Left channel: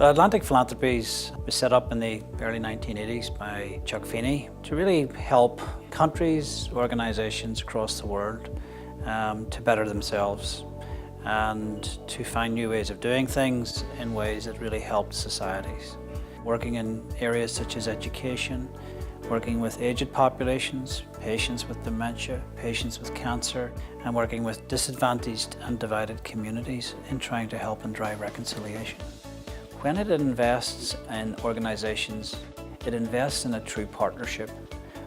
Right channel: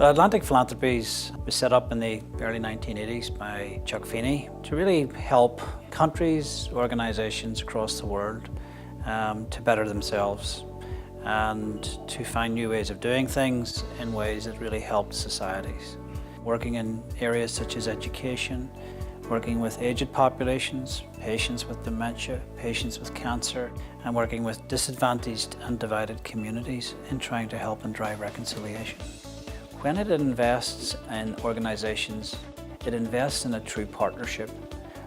Atlantic Philanthropies was set up in the early 1980s by Chuck Feeney to really help countries, organisations across the world to better themselves and to find new ways of doing things in ways that really help societies. Working in areas such as education, working with aged populations, patients with dementia, patients with cancer, and working with disadvantaged and divided communities in trying to help and drive reconciliation. When it invests in organisations, it invests in a true partnership.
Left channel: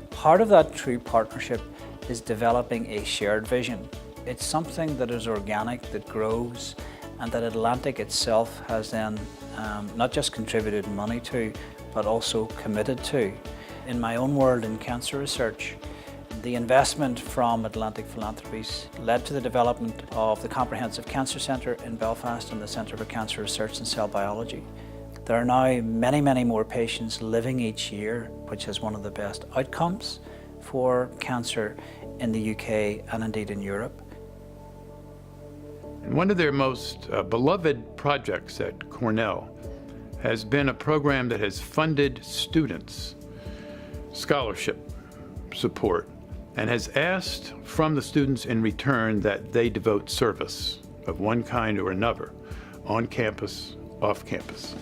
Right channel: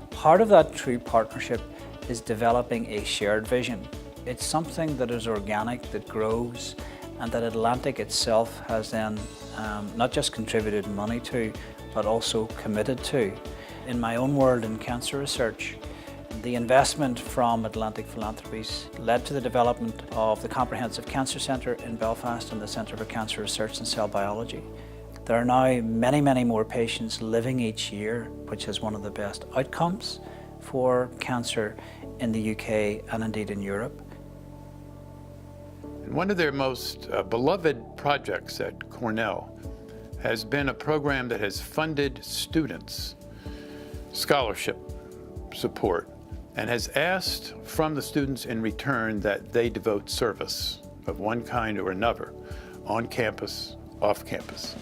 Part of that true partnership is developing a shared vision. It's something that is organic, that grows, and that Atlantic itself has then not just contributed money to, but also committed to. In my own world in cancer research, the investment from Atlantic Philanthropies led to the development of the Comprehensive Cancer Centre in Belfast and the Centre for Cancer Research and Cell Biology. There are now many, many more patients living each year, which is one of the best outcomes for cancer in the UK and indeed in Europe. One of their most beloved projects at Cornell has been a program that has funded students scholarship support and has asked from the students in return that they devote service of one kind or another on campus, off campus.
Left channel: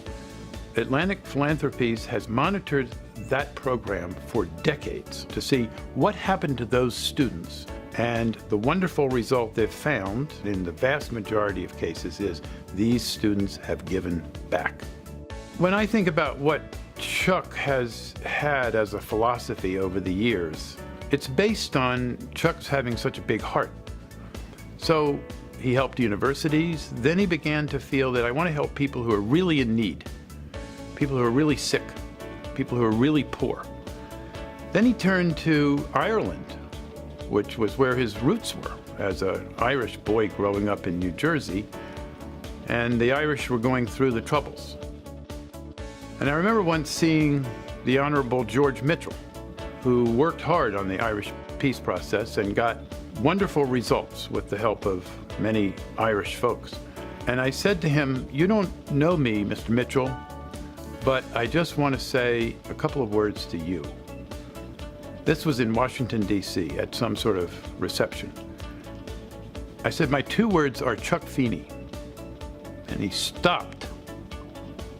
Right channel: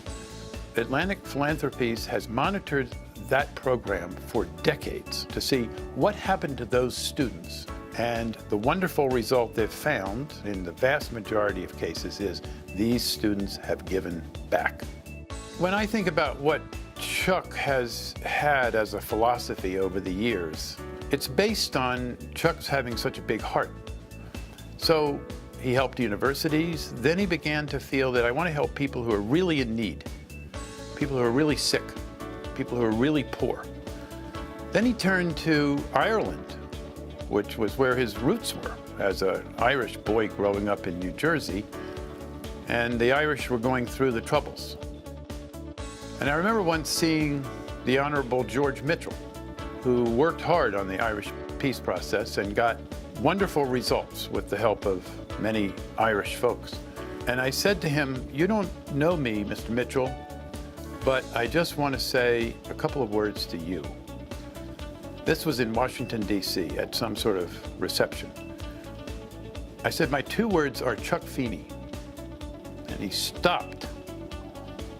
Atlantic Philanthropies has monitored that program for decades to see what happened to those students, and the wonderful result they've found in the vast majority of cases is these students have given back. When I think about what Chuck has had as a philosophy over the years, it's based on Chuck's having such a big heart. So he helped universities, then he began to feel that I want to help people who are really in need, people who are really sick, people who are really poor. Then he turned to Ireland, which was where his roots were as an Irish boy growing up in New Jersey, and the Irish were going through the Troubles. And I remember once seeing the Honorable George Mitchell, who worked hard on the Irish peace process and got wonderful results with the help of many Irish folks. And I said to him, "You don't know me, Mr. Mitchell, but I just want to say a couple of words to you." This was in Washington, D.C. at some sort of reception. I said, "My two words are Chuck Feeney." And he stopped.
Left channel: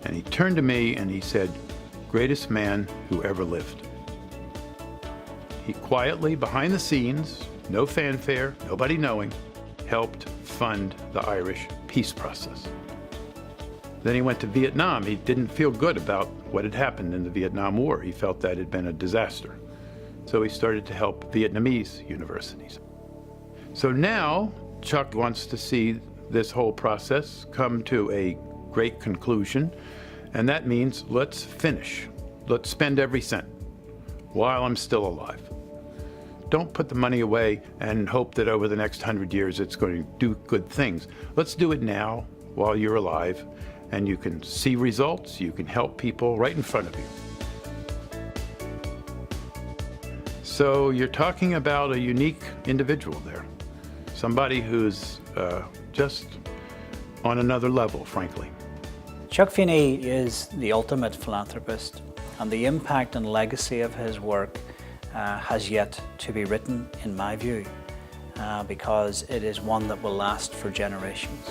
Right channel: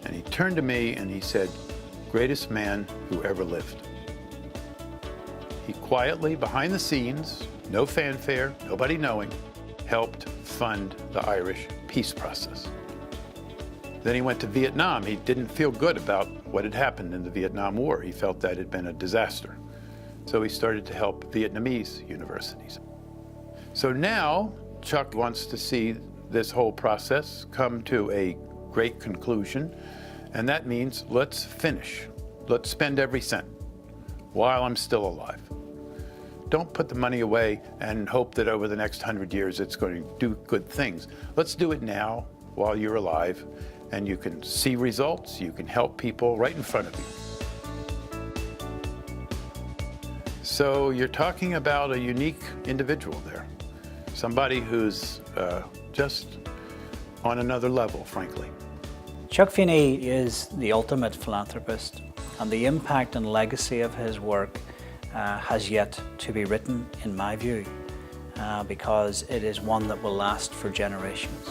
And he turned to me and he said, "Greatest man who ever lived." He quietly, behind the scenes, no fanfare, nobody knowing, helped fund the Irish peace process. Then he went to Vietnam. He didn't feel good about what had happened in the Vietnam War. He felt that had been a disaster. So he started to help Vietnamese universities. So now Chuck wants to see this whole process come to a great conclusion. And that means let's finish. Let's spend every cent while I'm still alive. Don't put the money away and hope that over the next 100 years it's going to do good things. Let's do it now while you're alive, and you can see results, you can help people right in front of you. So you're talking about a unique individual there, somebody who's just on another level, frankly. Chuck Feeney is the ultimate philanthropist, and the impact and legacy of his work has yet to be written, in my view, because it is one that will last for generations.